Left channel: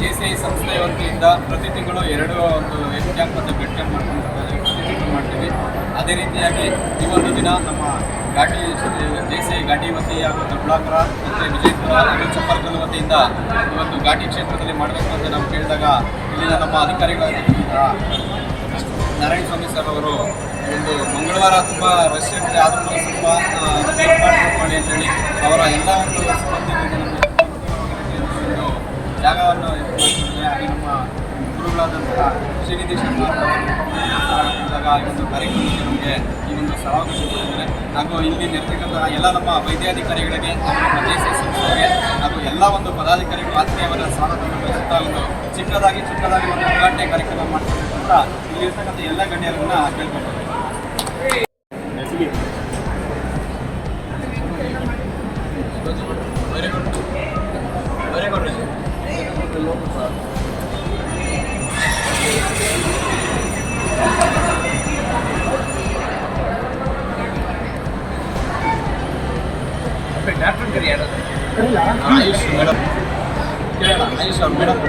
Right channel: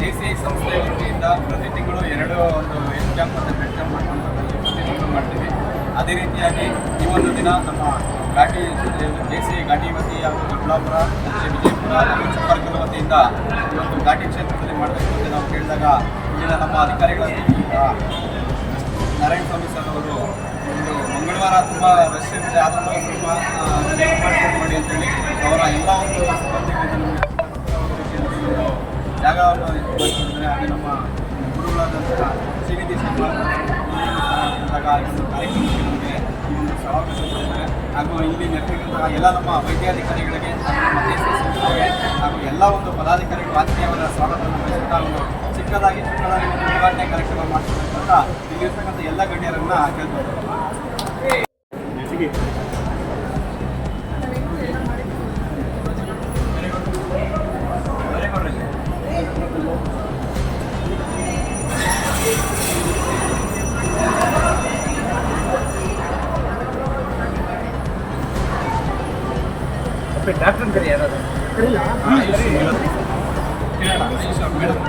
JCI ಸಂಸ್ಥೆಯ ವತಿಯಿಂದ ಪ್ರತಿ ತಿಂಗಳು ಒಂದು ಹೆಲ್ತ್ ಕ್ಯಾಂಪ್ ಮತ್ತು ಬ್ಲಡ್ ಕ್ಯಾಂಪ್ ಮಾಡ್ಕೊಂಡ್ರೆ ಪ್ರತಿ ತಿಂಗಳು ಮಾಡ್ತೀವಿ. ಅದೇ ರೀತಿಯಾಗಿ ಈ ಒಂದು ದಿನ ನಮ್ಮ JCI ಘಾಟಿ ವತಿ ಹಾಗೂ ದೊಡ್ಡಬಳ್ಳಾಪುರ ಮತ್ತು ವಿಜಯಪುರ ಹಾಗೂ ಚಪ್ಪರ್ಕಲ್ ವತಿಯಿಂದ ಈ ಒಂದು ಘಾಟಿ ಕ್ಷೇತ್ರದಲ್ಲಿ ಮಾಡಬೇಕು ಅಂತ ನಾವು ಕೇಳಿದಾಗ ಇಲ್ಲಿನ ನಮ್ಮ ಅಧಿಕಾರಿಗಳಾದ ನಾರಾಯಣ ಸ್ವಾಮಿ ಸರ್ ಅವರು ಒಂದು ಮಂಗಳವಾರ ತುಂಬ ರಶ್ ಇರುತ್ತೆ, ಆದ್ರೂ ಸ್ವಲ್ಪ ಮಾಡ್ಕೊಂಡು ಮಾಡಿ ಅಂತೇಳಿ ಅವರ ಎಲ್ಲ ಒಂದು ಸಿಬ್ಬಂದಿಗಳಿಂದ ನಮಗೆ ಒಂದು ಜಾಗವನ್ನು ಮಾಡ್ಕೊಂಡಿದ್ದಾರೆ. ಹಾಗೆ ನಮ್ಮ ಗುರುಗಳಾದಂತಹ ಶ್ರೀನಿಧಿ ಶರ್ಮಾ ಹೇಳಿದಾಗ ಈ ಒಂದು ಕಾರ್ಯಕ್ರಮಕ್ಕೆ ನಮಗೆ ಈ ಒಂದು ಸಮಾವೇಶ ಕೊಟ್ಟಿದ್ದಾರೆ. ಹಾಗೂ ಇಲ್ಲಿ ನೆರೆದಿರುವಂತಹ ಎಲ್ಲ ನಮ್ಮ ವೈದ್ಯಾಧಿಕಾರಿಗಳಿಗೆ ಹಾಗೂ ನಮ್ಮ JCI ಸಂಸ್ಥೆಗೆ ಹಾಗೂ ಎಲ್ಲ ಒಂದು ಪದಾಧಿಕಾರಿಗಳು ಆತ್ಮೀಯವಾದ ಸ್ವಾಗತವನ್ನು ಬಯಸುತ್ತಾ ಒಂದು ಚಿಕ್ಕದಾಗಿ ಒಂದು ಉದ್ಘಾಟನೆ ಕಾರ್ಯಕ್ರಮ ಮಾಡ್ಕೊಳ್ಬೇಕು ಅಂತ ಇಲ್ಲಿರ್ತಕ್ಕಂಥ ಎಲ್ಲ ಗಣ್ಯರನ್ನು ಕೇಳ್ಕೊಳ್ತಾರೆ. ವೆರಿ ಗುಡ್ ಡಾಕ್ಟರ್ ಕರಿ ಯಾರಾದ್ರು ಆಯುಷ್ ಮೇಡಮ್ ಆಯುಷ್ ಅವ್ರು ಮೇಡಮ್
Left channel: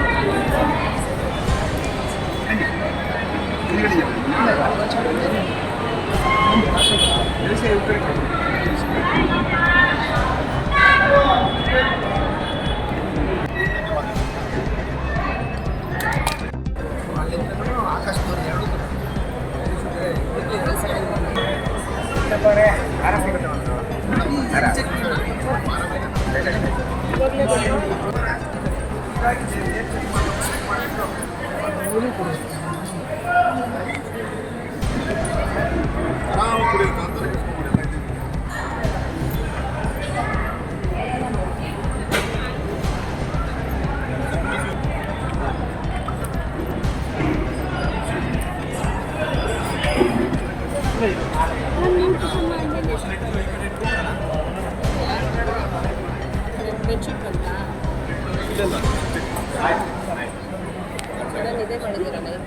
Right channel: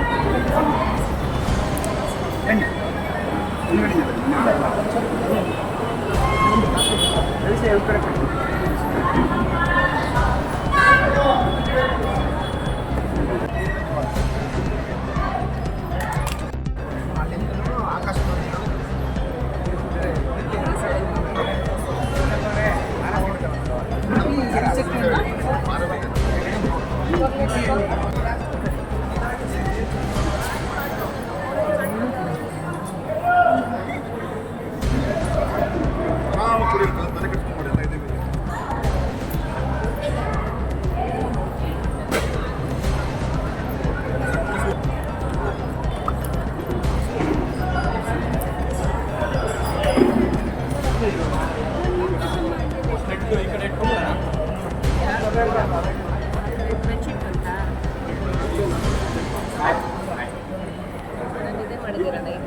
ನಿದ್ದೆ ಮಾಡಿದ್ದೀರಾ? ನೈಟ್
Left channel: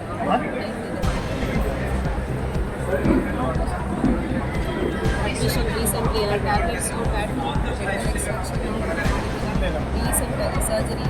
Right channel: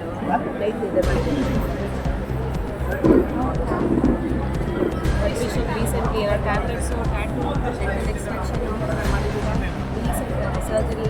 ನಿದ್ದೆ ಮಾಡಿದ್ದೀರಾ? Admission recently tablets tattoo extraction ಮಾಡಿದ್ದೀರಾ? Recent surgery